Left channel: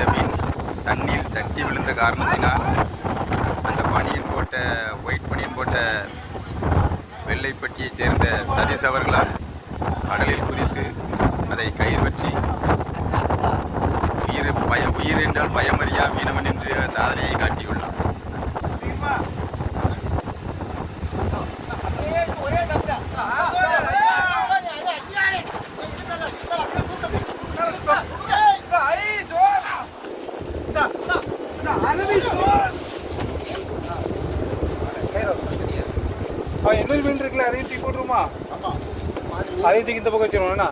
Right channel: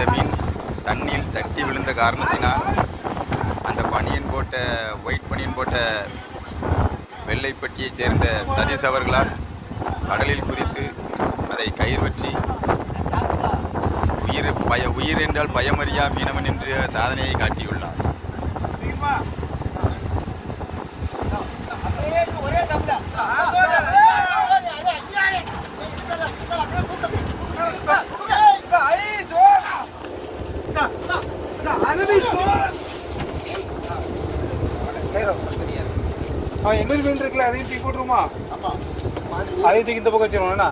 அந்த மீன் தண்ணியில் தட்டி விழுந்த காரணத்தினால் அந்த ஒயிட் பனியன் போட்ட வெள்ளைப்பட்டியைச் சேர்ந்த சதீஷ் அவர்களால் கடலில் குதித்து அதை கயிறு பற்றி உயிர் என்றால் பயமறியா மீனவன் என்று சாதனையை காட்டியுள்ளார். என்ன மீன் இருக்குல்ல, அதையும் தூக்கி போட்டுருமா? அதையும் தூக்கி இந்த பக்கம் வச்சிருவோம்.